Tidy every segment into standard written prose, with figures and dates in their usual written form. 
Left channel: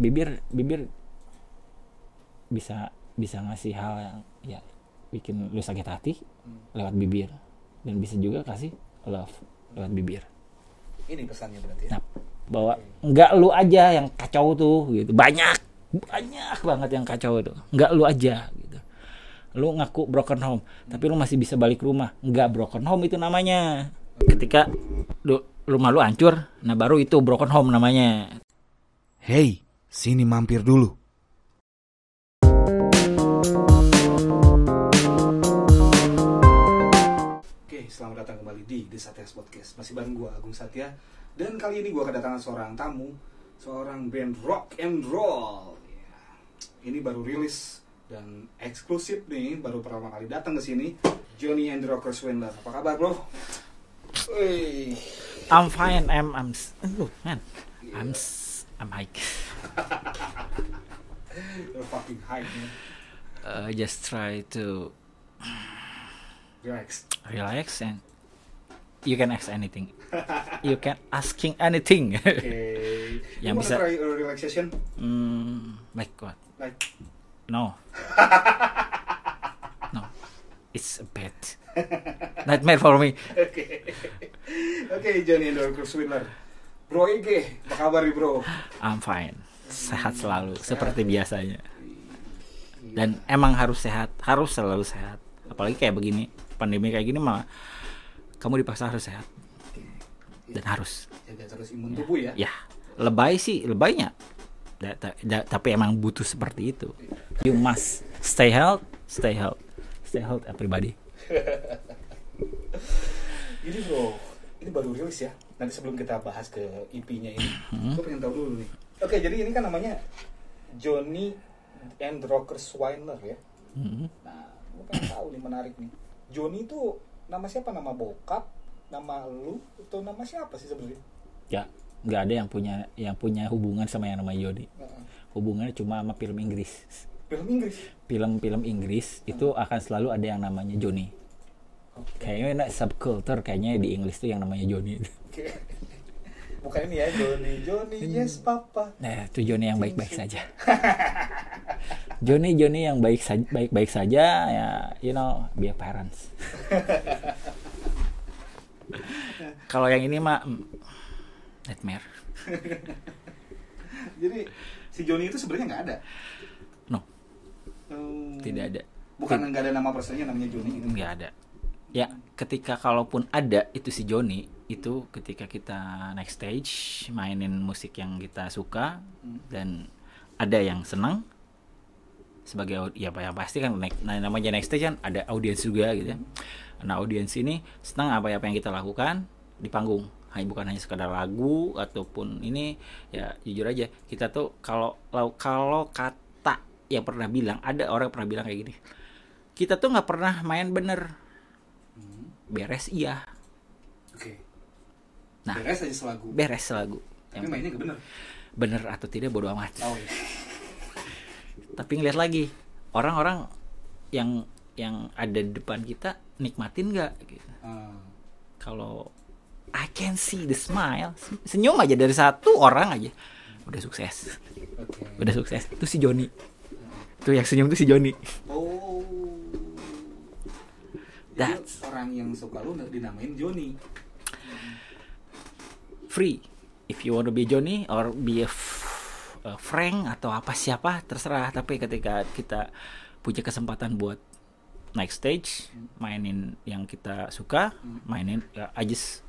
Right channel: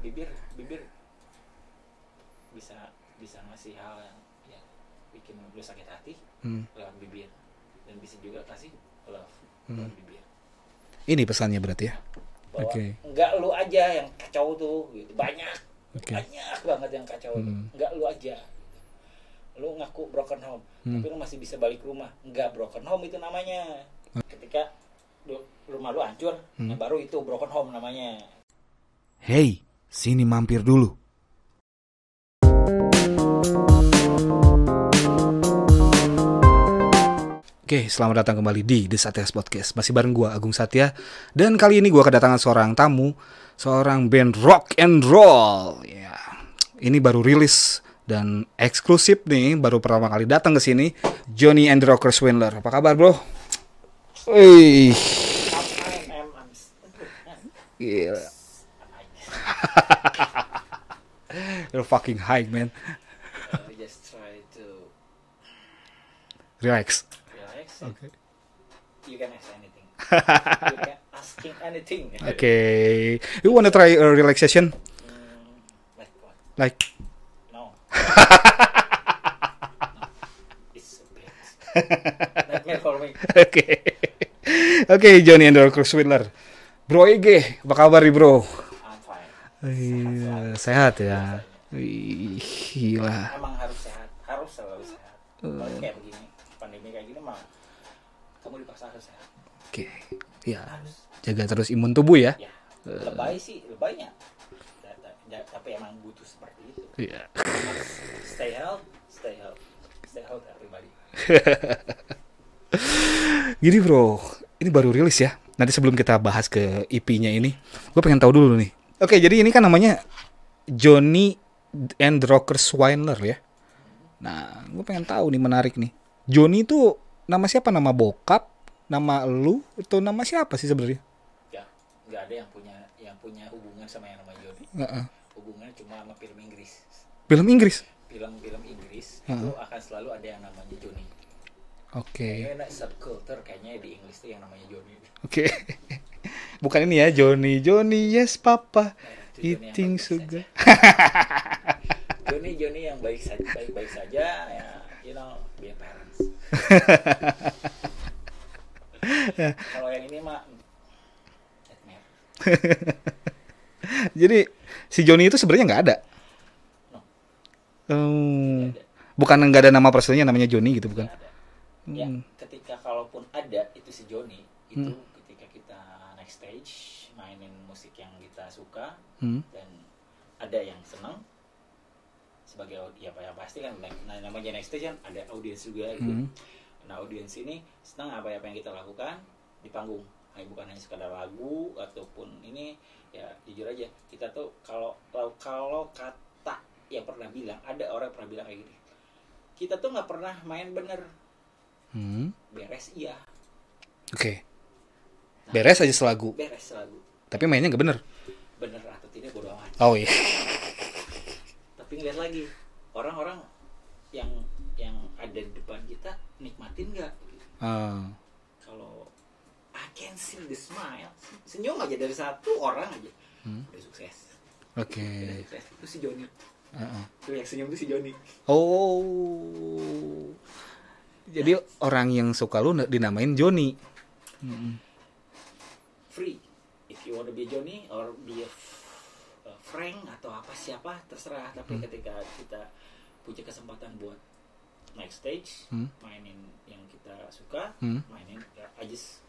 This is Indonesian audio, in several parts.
bibir bisa ngasih hal yang ya bikin lu sakit hati lewat bibir, dan bisa juga kasih love lewat bibir. Ini pesannya berarti ya. Nah, bahwa nggak lu aja yang kacau tuh gitu, banyak banget yang kacau tuh, nggak lu aja gitu. Lu ngaku broken home tapi lu masih bisa balik rumah, nggak broken home itu namanya. Ketika rumah lu hancur, nah baru itu broken home namanya. Hey, sini mampir dulu. Oke, selamat datang kembali di The Satyas Podcast. Masih bareng gue, Agung Satya. Dan kali ini gue kedatangan seorang tamu, seorang band rock and roll. Ya, ini baru rilis dan eksklusif nih, baru pertama kali datang ke sini. Johnny and the Rocker Swindler. Apa kabar, bro? I'm fine. I'm man. Yeah. I'm hype. You're fucking hype, man. Just try to Relax and you can ask anything. You can asking anything. Okay. You wanna try a relaxation? Like what? Like No. No. It's a bad nightmare for me. Oke, Johnny and the Rocker Swindler. Bro Ege, apa kabar nih, bro? I'm fine. Sehat selalu. Sehat seperti ya. biasanya. Iya. Dan emang harus sehat, harus selalu sehat. Apalagi kayak begini, pandemi kayak gini mah kamu dipaksa harus sehat. Oke. Iya. Dan harus Jaga terus imun tubuh ya. ya. Lebaynya. Tapi emang butuh seperti itu. Iya. You must stay health everybody. Jadi, bro, ini baru rilis ya. Nanti sebelum kita bahas ke EP-nya ini, gue pengen tahu dulu nih. Oke, jadi ini kan namanya Johnny and the Rocker Swindler ya. Nah, gue pengen tahu nih, menarik nih. Johnny itu nama siapa? Nama bokap? Nama lu? Atau nama siapa sih sebenarnya? Ya, nggak ada yang punya hubungan sama yang namanya Jody. Hubungannya cuma sama film Inggris. Film Inggris? Film Inggris itu akan selalu ada yang namanya Johnny. Oke. Kayaknya subculture kayaknya di Inggris tuh yang namanya Johnny. Oke. Bukan ini ya, Johnny yes papa. Nah, itu Johnny yang baik-baik saja. Johnny yang baik saja ya, you know, be a parents. Kalau yang ini mah nightmare. Jadi si Johnny itu sebenarnya nggak ada. No. Tidak ada. Bukan nggak ada nama personnya namanya Johnny gitu. Nggak ada. Ya, ketika kalaupun ada itu si Johnny itu ketika kita next stage mainin musik yang kita suka dan ada yang senang sebagai ya pasti kan namanya next stage kan ada audiens juga gitu. Nah, audiens ini senang apa yang kita lakukan di panggung. Bukan hanya sekadar lagu ataupun ini, ya jujur aja kita tuh kalau kata yang pernah bilang, ada orang pernah bilang kayak gini, kita tuh nggak pernah main bener. Beres iya. Oke. Nah, beres selagu. Tapi mainnya nggak bener atau tidak bodo amat. Oh iya. Tapi ngeliat lagi orang-orang yang ada di depan kita nikmatin nggak gitu. Kalau I can see the smile, senyum aja dari satu orang aja udah sukses. Oke. Udah sukses. Itu si Johnny. Tuh yang senyum tuh si Johnny. Oh. Jadi orang yang suka lu dinamain Johnny. Free. If you want to be Johnny or be a Frank atau siapa terserah. Tapi ketika kita punya kesempatan buat naik stage, mainin yang kita suka, mainin I just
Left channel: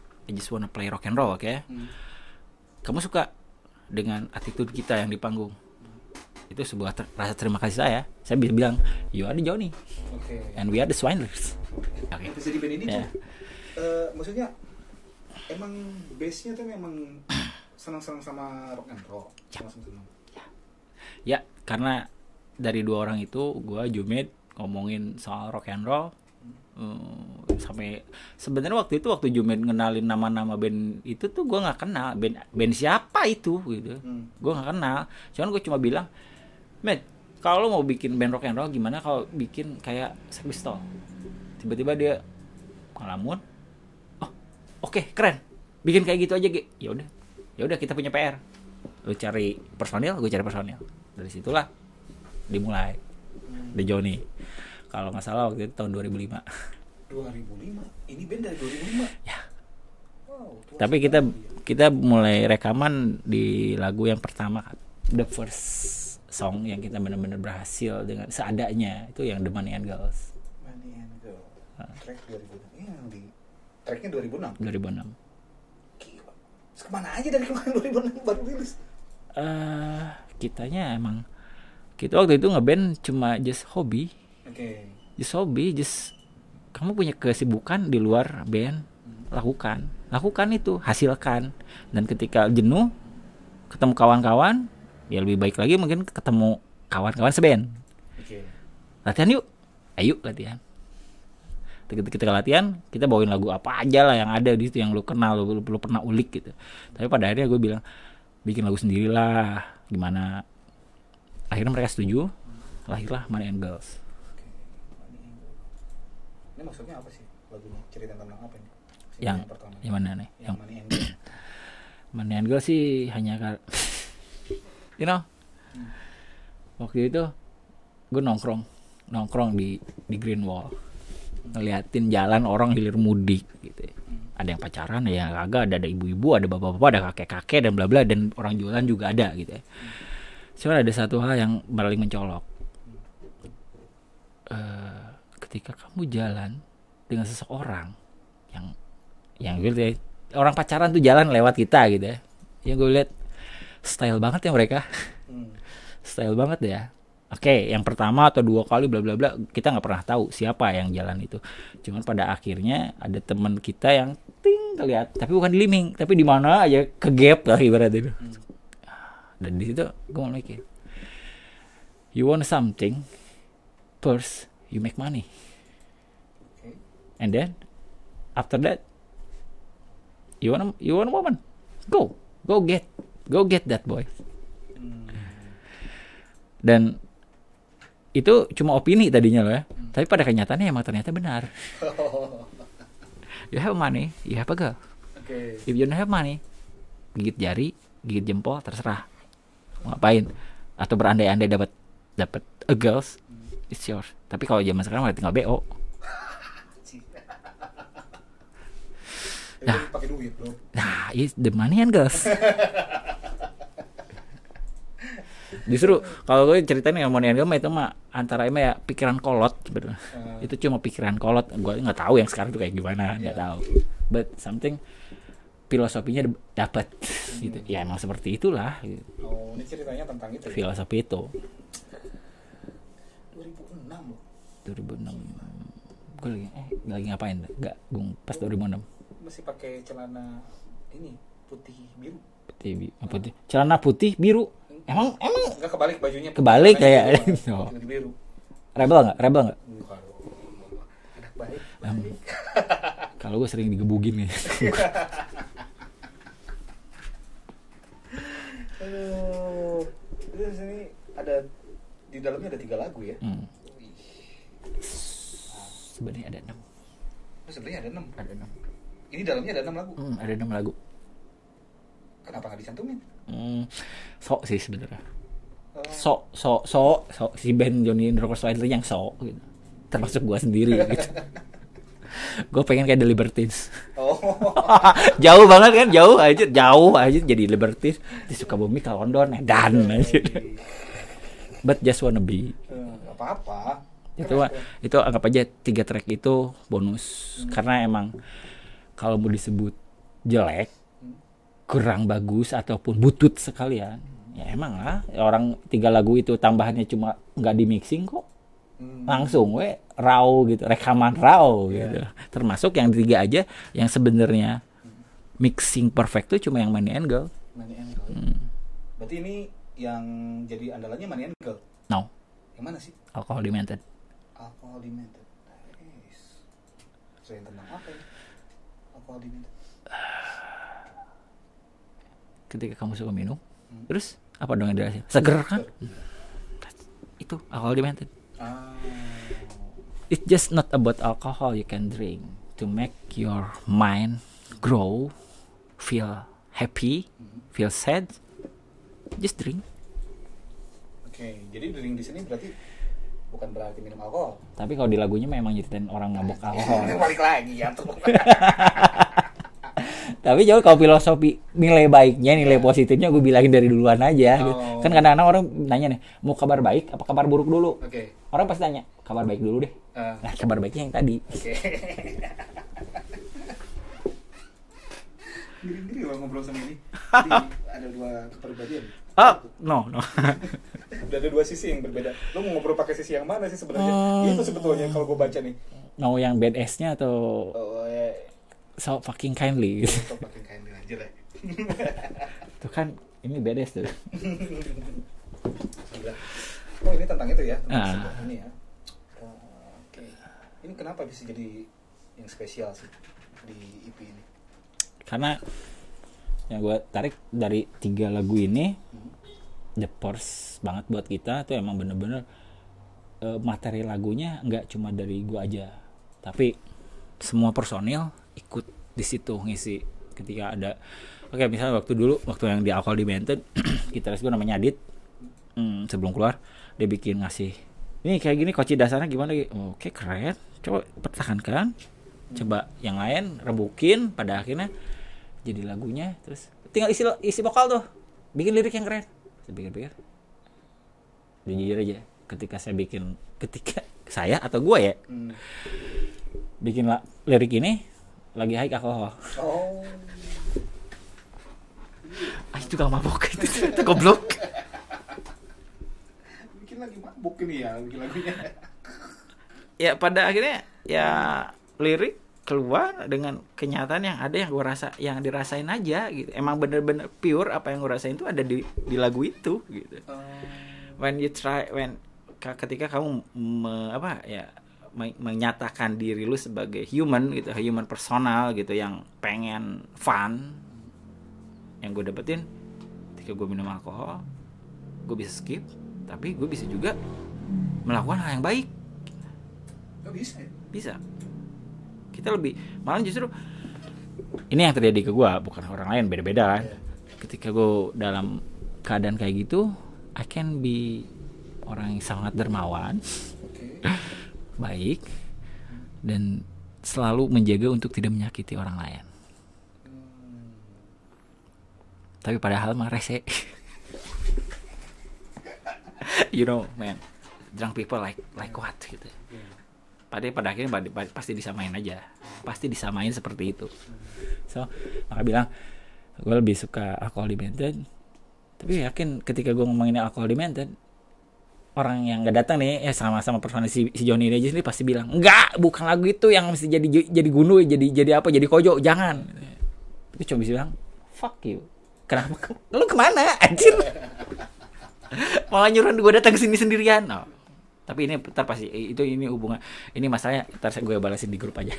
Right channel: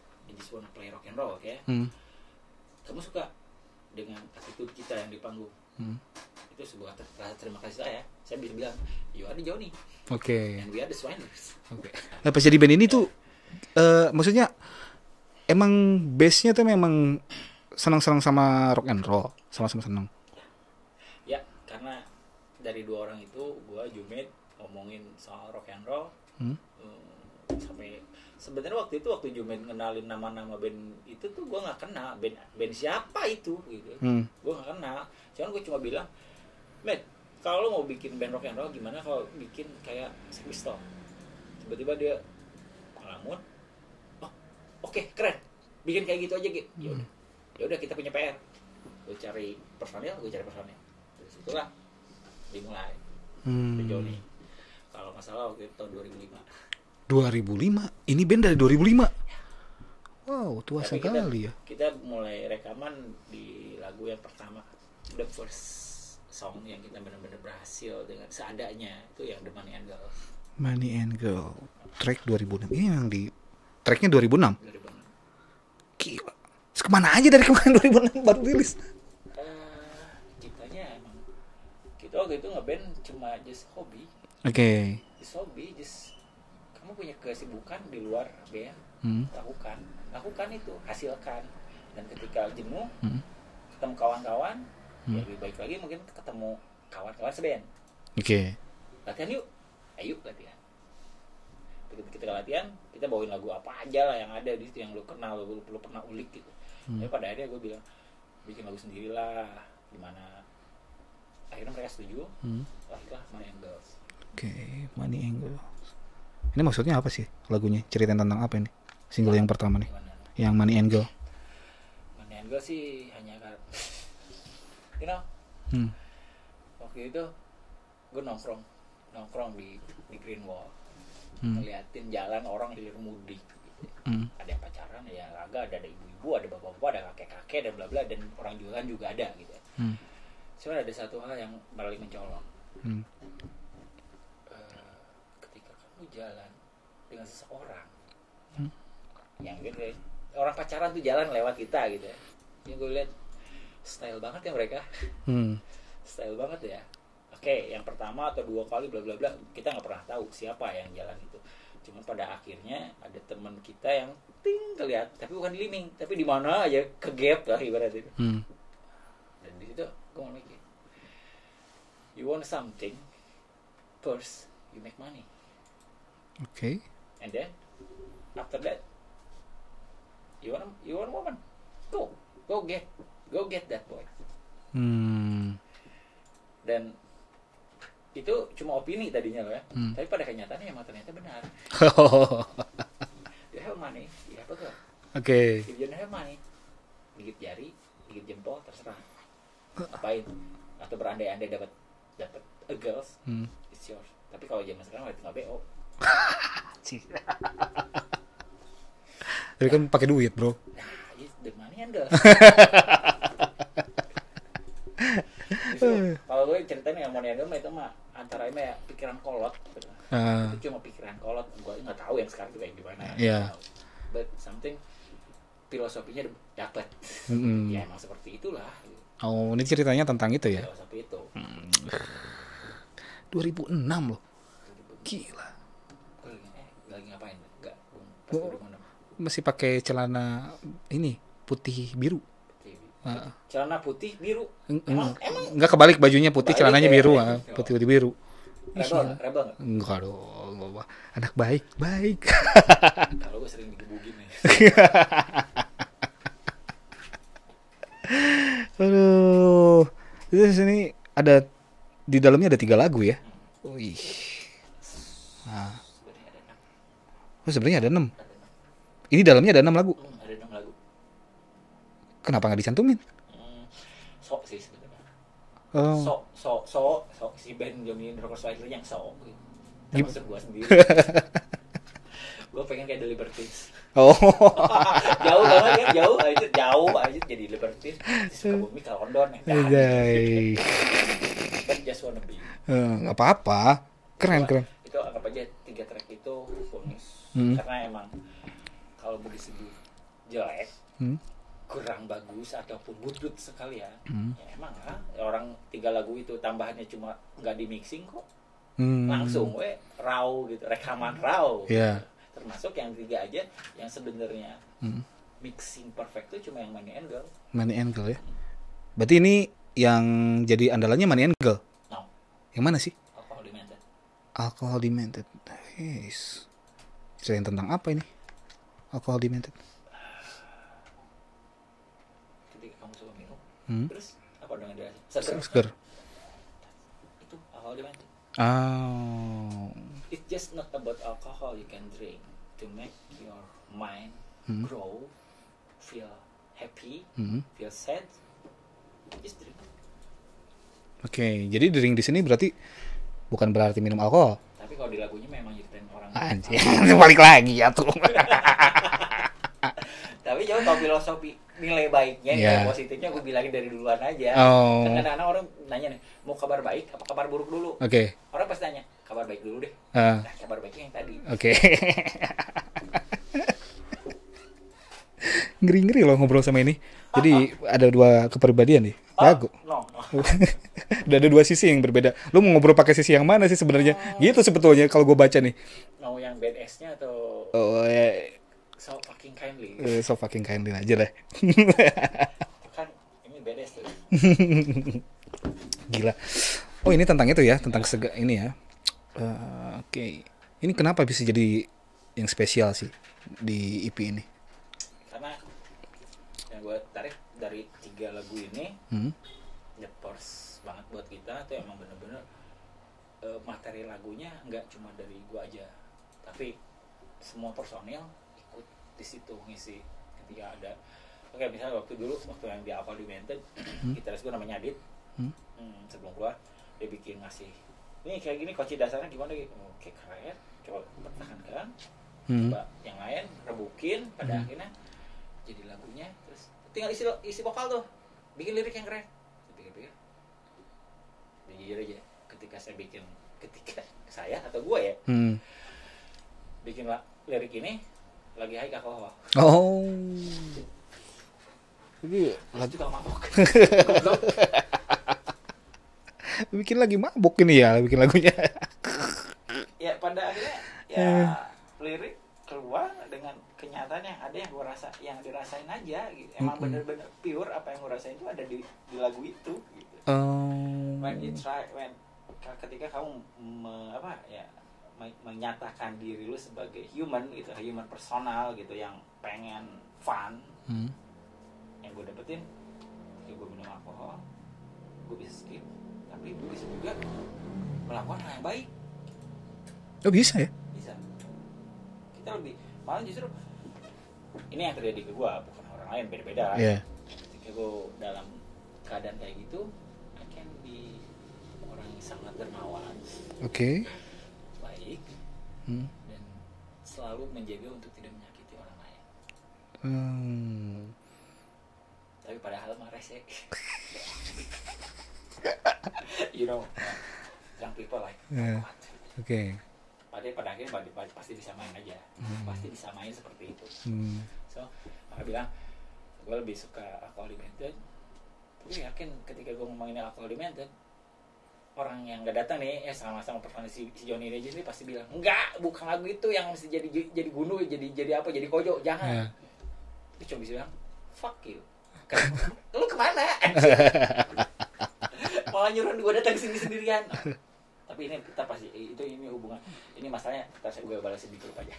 wanna play rock and roll, oke? Kamu suka dengan attitude kita yang di panggung. Itu sebuah rasa terima kasih saya. Saya bisa bilang, you are the Johnny. Oke. And we are the Swindlers. Nah, pas jadi band ini tuh maksudnya emang base-nya tuh memang senang-senang sama rock and roll, sama-sama senang. Ya, karena dari dua orang itu gue Jumet ngomongin soal rock and roll. Sampai sebenarnya waktu Jumet ngenalin nama-nama band itu tuh gue nggak kenal band siapa itu gitu. Gue nggak kenal. Cuman gue cuma bilang, "Men, kalau mau bikin band rock and roll gimana kalau bikin kayak Sex Pistols?" Tiba-tiba dia ngelamun. Oh, oke, keren. Bikin kayak gitu aja, Ge. Ya udah kita punya PR. Lu cari personil, gue cari personil. Dari situlah dimulai The Johnny. Kalau nggak salah waktu itu tahun 2005. 2005. Ini band dari 2005. Ya. Wow, tua Tapi sekali ya. kita mulai rekaman di lagu yang pertama, the first song yang kita benar-benar berhasil dengan seadanya itu yang The Money and Girls. Money and Girl. Track 2006. Ini yang di tracknya 2006. 2006. Gila. Terus kemana aja dari kemarin 2006 baru rilis? Kitanya emang kita waktu itu ngeband cuma just hobi. Oke. Just hobi, just kamu punya kesibukan di luar band, lakukan itu, hasilkan. Dan ketika jenuh, ketemu kawan-kawan, ya lebih baik lagi mungkin ketemu kawan-kawan seband. Oke. Latihan yuk, ayo latihan. Ketika latihan, kita bawain lagu apa aja lah yang ada di situ yang lu kenal, lu pernah ulik gitu. Tapi pada akhirnya gue bilang bikin lagu sendirilah, gimana? Akhirnya mereka setuju, lahirlah Money and Girls. Oke, Money and Girls. Ini maksudnya apa sih lagunya? Ceritain tentang apa ini? Single yang pertama nih. Gimana nih? Yang Money and Girls. Money and Girls sih hanya you know, waktu itu gue nongkrong di Green Wall, ngeliatin jalan orang hilir mudik gitu. Ada yang pacaran, ada yang kagak, ada ibu-ibu, ada bapak-bapak, ada kakek-kakek dan bla bla, dan orang jualan juga ada gitu ya. Cuman ada satu hal yang paling mencolok. Ketika kamu jalan dengan seseorang yang gitu ya, orang pacaran tuh jalan lewat kita gitu ya. Yang gue lihat style banget ya mereka. Style banget ya. Oke, yang pertama atau dua kali bla bla bla kita nggak pernah tahu siapa yang jalan itu. Cuman pada akhirnya ada teman kita yang ting lihat, tapi bukan di liming, tapi di mana aja ke gap lah ibaratnya itu. Dan di situ gue mikir, you want something, first you make money. Oke. And then after that you want a woman, go get that boy. Dan itu cuma opini tadinya loh ya. Tapi pada kenyataannya emang ternyata benar. You have money, you have a girl. Oke. If you don't have money, gigit jari, gigit jempol, terserah mau ngapain. Atau berandai-andai dapat a girls, it's yours. Tapi kalau zaman sekarang malah tinggal BO. Tapi kan pakai duit, bro. Nah, it's the money and girls. Justru kalau gue ceritain yang Money and Girls itu mah antara emang ya pikiran kolot sebetulnya. Itu cuma pikiran kolot. Gue nggak tahu yang sekarang tuh kayak gimana, nggak tahu. But something filosofinya dapat. Gitu. Ya emang seperti itulah. Gitu. Oh, ini ceritanya tentang itu ya. Filosofi itu. 2006 loh. 2006. Gila. Gue lagi ngapain? Enggak, gue pas 2006. Masih pakai celana ini putih biru. Celana putih biru. Emang enggak kebalik bajunya putih, kebalik, celananya biru. Putih biru. Rebel enggak? Enggak dong. Anak baik. Kalau gue sering digebugin nih. Aduh. Di sini ada di dalamnya ada 3 lagu ya. Wih. Sebenarnya ada 6. Oh, sebenarnya ada 6. Ada 6. Ini dalamnya ada 6 lagu. Ada 6 lagu. Kenapa nggak dicantumin? Sok sih sebenarnya. Sok si band Johnny and the Rockers Wild yang sok gitu. Termasuk gue sendiri gitu. Gue pengen kayak The Libertines. Oh. Jauh banget kan, jauh aja jadi Libertines. Di Sukabumi ke London dan but just wanna be. Nggak apa-apa. Keren. Itu anggap aja 3 track itu bonus. Karena emang kalau mau disebut jelek, kurang bagus ataupun butut sekalian, ya emang lah orang 3 lagu itu tambahannya cuma nggak di mixing kok, langsung raw gitu, rekaman raw gitu. Termasuk yang 3 aja yang sebenarnya mixing perfect tuh cuma yang Money and Girl. Money and Girl ya. Berarti ini yang jadi andalannya Money and Girl? No. Yang mana sih? Alcohol Demented. Alcohol Demented. Yes. Ceritain tentang apa ini? Alcohol Demented. Ketika kamu suka minum, terus apa dong yang dirasain? Seger kan? Itu Alcohol Demented. It's just not about alcohol you can drink to make your mind grow, feel happy, feel sad, just drink. Oke, jadi drink di sini berarti bukan berarti minum alkohol. Tapi kalau di lagunya memang nyeritain orang mabuk Anjir, alkohol. balik lagi ya tuh. Tapi jauh kalau filosofi nilai baiknya, nilai Yeah. positifnya gue bilangin dari duluan aja. Oh. Kan kadang-kadang orang nanya nih, mau kabar baik apa kabar buruk dulu? Oke. Orang pasti tanya, kabar baik dulu deh. Ah, Nah, kabar baiknya yang tadi. Oke. Ngeri-ngeri loh ngobrol sama ini. Jadi ada dua kepribadian nih. Aku. No. Udah ada dua sisi yang berbeda. Lu mau ngobrol pakai sisi yang mana sih sebenarnya? Gitu sebetulnya kalau gue baca nih. Mau yang badass-nya atau Oh, so fucking kindly gitu. so fucking kindly aja lah. Tuh kan, ini badass tuh. Gila. Oh ini tentang itu ya, tentang Ah. ini ya. Oke. Ini kenapa bisa jadi yang spesial sih di EP ini? Karena yang gue tarik dari 3 lagu ini, Hmm. the force banget buat kita tuh emang bener-bener materi lagunya nggak cuma dari gue aja, tapi semua personil ikut di situ ngisi. Ketika ada, oke, misalnya waktu yang di Alcohol Demented, gitaris gue namanya Adit, sebelum keluar dia bikin ngasih, ini kayak gini koci dasarnya gimana gitu. Oke, keren, coba pertahankan, coba yang lain rebukin, pada akhirnya jadi lagunya, terus tinggal isi vokal tuh, bikin lirik yang keren. Saya pikir-pikir, dan jujur aja, ketika saya atau gue ya bikin lirik ini lagi high alkohol. Oh. Aku juga mabok. Goblok. Bikin lagi mabuk ini ya, bikin lagunya. Ya pada akhirnya ya lirik keluar dengan kenyataan yang ada, yang gue rasa, yang dirasain aja gitu. Emang bener-bener pure apa yang gue rasain itu ada di lagu itu gitu. Ketika kamu menyatakan diri lu sebagai human gitu, human personal gitu, yang pengen fun, yang gue dapetin ketika gue minum alkohol, gue bisa skip, tapi gue bisa juga melakukan hal yang baik. Oh bisa ya? Bisa. Kita lebih, malah justru ini yang terjadi ke gue, bukan orang lain, beda-beda kan. Iya. Ketika gue dalam keadaan kayak gitu, I can be orang yang sangat dermawan, Oke. baik, dan selalu menjaga untuk tidak menyakiti orang lain. Tapi padahal mah rese. You know, man, drunk people like what gitu. Oke. Pada akhirnya pasti disamain aja, pasti disamain seperti itu. So maka bilang gue lebih suka Alcohol Demented, tapi yakin ketika gue ngomongin Alcohol Demented, orang yang nggak datang nih sama-sama personal si Johnny ini aja sendiri pasti bilang enggak, bukan lagu itu yang mesti jadi gundu, jadi apa, jadi kojo, jangan. Tapi cuma bisa bilang fuck you, kenapa lu kemana anjir. Malah nyuruh gue datang ke sini sendirian. No. Tapi ini ntar pasti ini hubungan, ini masalahnya ntar gue balasin di grup aja.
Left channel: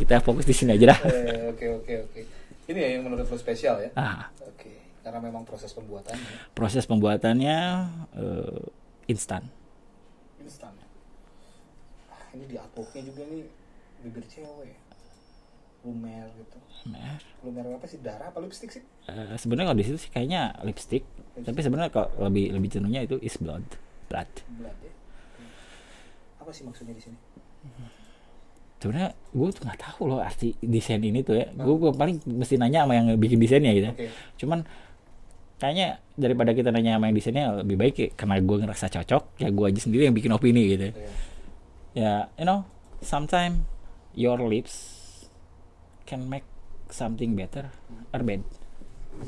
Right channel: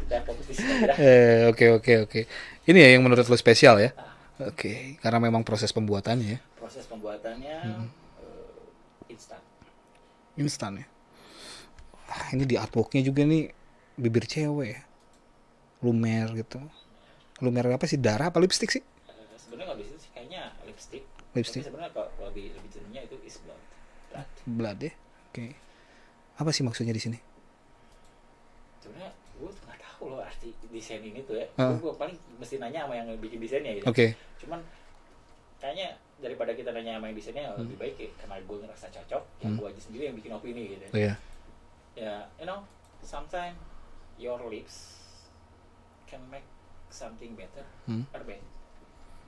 Kita fokus di sini aja dah. Oke. Ini ya yang menurut lo spesial ya? Oke, karena memang proses pembuatannya. Proses pembuatannya instan. Instan ya. Ini di artworknya juga nih bibir cewek ya. Lumer gitu. Lumer apa sih, darah apa lipstick sih? Sebenarnya kalau di situ sih kayaknya lipstick. Tapi sebenarnya kalau lebih cenderungnya itu is blood. Blood ya. Oke. Apa sih maksudnya di sini? Sebenarnya gue tuh nggak tahu loh arti desain ini tuh ya. Gue paling mesti nanya sama yang bikin desainnya gitu. Oke. Cuman kayaknya daripada kita nanya sama yang desainnya, lebih baik ya, karena gue ngerasa cocok, ya gue aja sendiri yang bikin opini gitu. Ya, you know, sometimes your lips can make something better or bad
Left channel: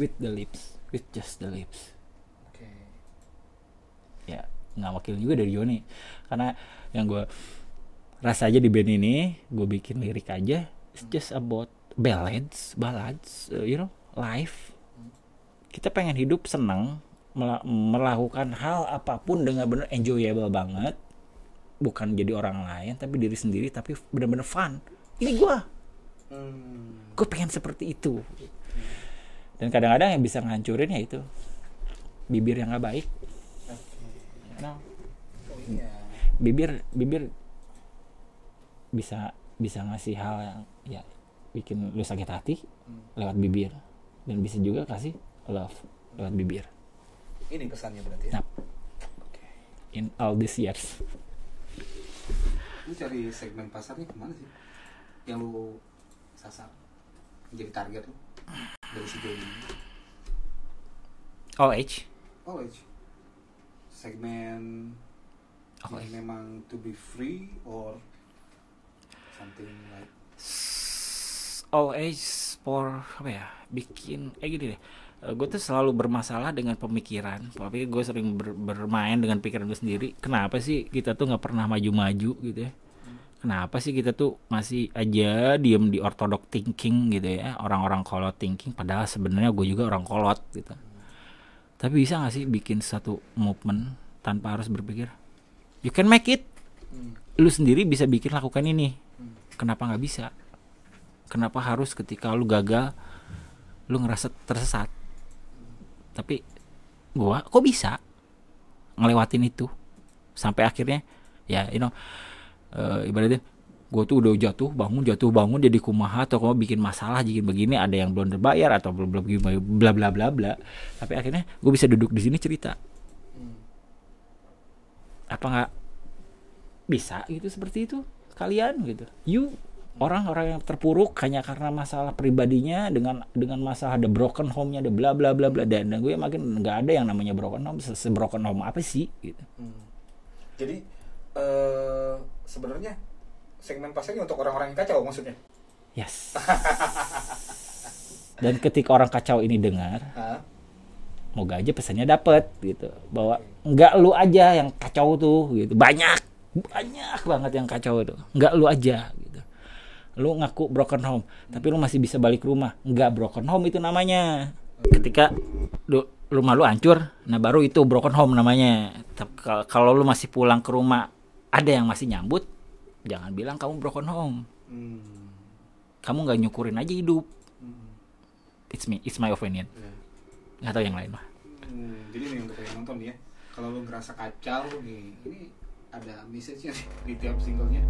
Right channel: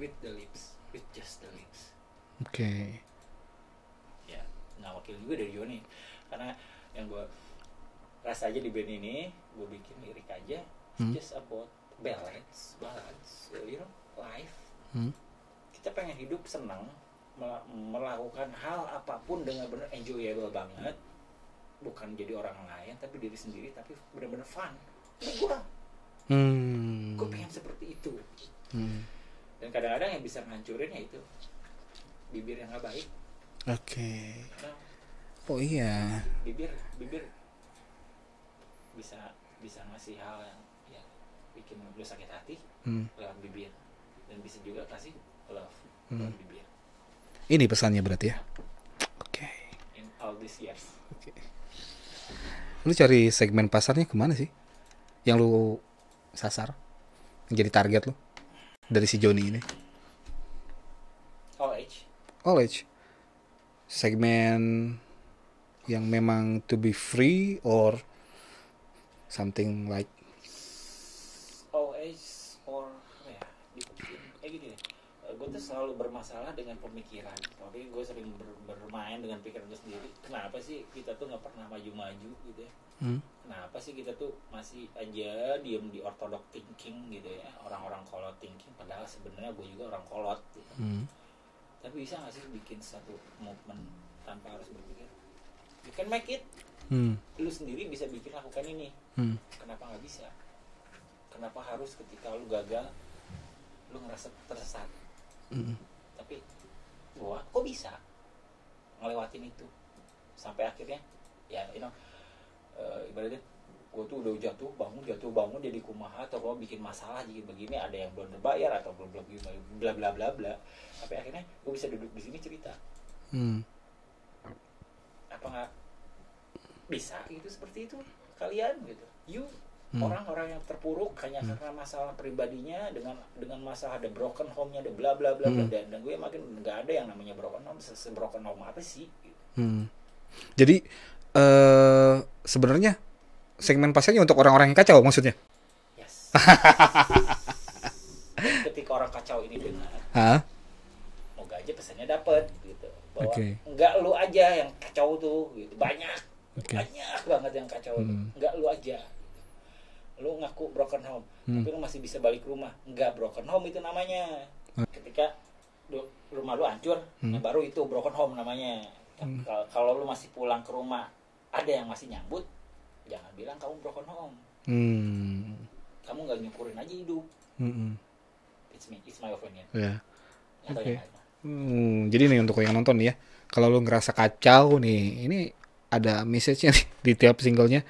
with the lips, with just the lips. Oke. Ya, nggak wakil juga dari Joni, karena yang gue rasa aja di band ini, gue bikin lirik aja, it's just about ballads, you know, life. Kita pengen hidup senang, melakukan hal apapun dengan benar enjoyable banget, bukan jadi orang lain, tapi diri sendiri, tapi benar-benar fun. Ini gue pengen seperti itu. Dan kadang-kadang yang bisa ngancurin ya itu bibir yang nggak baik. Oke. No. Oh iya. Bibir bisa ngasih hal yang ya bikin lu sakit hati lewat bibir, dan bisa juga kasih love lewat bibir. Ini pesannya berarti ya. Nah. Oke. In all these years. Lu cari segmen pasarnya kemana sih? Yang lu sasar, yang jadi target lu dari si Johnny ini? All age. All age. Segmen yang memang to be free or something like All age for apa ya? Bikin gini deh. Gue tuh selalu bermasalah dengan pemikiran. Tapi gue sering bermain dengan pikiran gue sendiri. Kenapa sih kita tuh nggak pernah maju-maju gitu ya? Kenapa sih kita tuh masih aja diem di orthodox thinking gitu ya? Orang-orang kolot thinking. Padahal sebenarnya gue juga orang kolot gitu. Tapi bisa nggak sih bikin satu movement tanpa harus berpikir? You can make it. Lu sendiri bisa bikin lakukan ini. Kenapa nggak bisa? Kenapa harus ketika lu gagal lu ngerasa tersesat? Tapi gua kok bisa ngelewatin itu sampai akhirnya ya ibaratnya gua tuh udah jatuh bangun jadi kumaha atau kalau bikin masalah jadi begini, ada yang belum terbayar atau belum bla bla bla bla, tapi akhirnya gua bisa duduk di sini cerita. Apa nggak bisa gitu seperti itu kalian gitu? Orang-orang yang terpuruk hanya karena masalah pribadinya, dengan masalah ada broken home-nya, ada bla bla bla bla, dan gue makin nggak ada yang namanya broken home. Broken home apa sih gitu. Jadi sebenarnya segmen pasarnya untuk orang-orang yang kacau maksudnya. Yes. Dan ketika orang kacau ini dengar, moga aja pesannya dapet gitu, bahwa nggak lu aja yang kacau tuh gitu. Banyak banget yang kacau itu. Nggak lu aja. Lu ngaku broken home, tapi lu masih bisa balik rumah. Enggak broken home itu namanya. Ketika rumah lu hancur, nah baru itu broken home namanya. Tapi kalau lu masih pulang ke rumah, ada yang masih nyambut, jangan bilang kamu broken home. Kamu nggak nyukurin aja hidup. It's my opinion. Nggak tahu yang lain mah. Jadi nih untuk yang nonton ya, kalau lu ngerasa kacau nih, ini ada message-nya nih di tiap singlenya.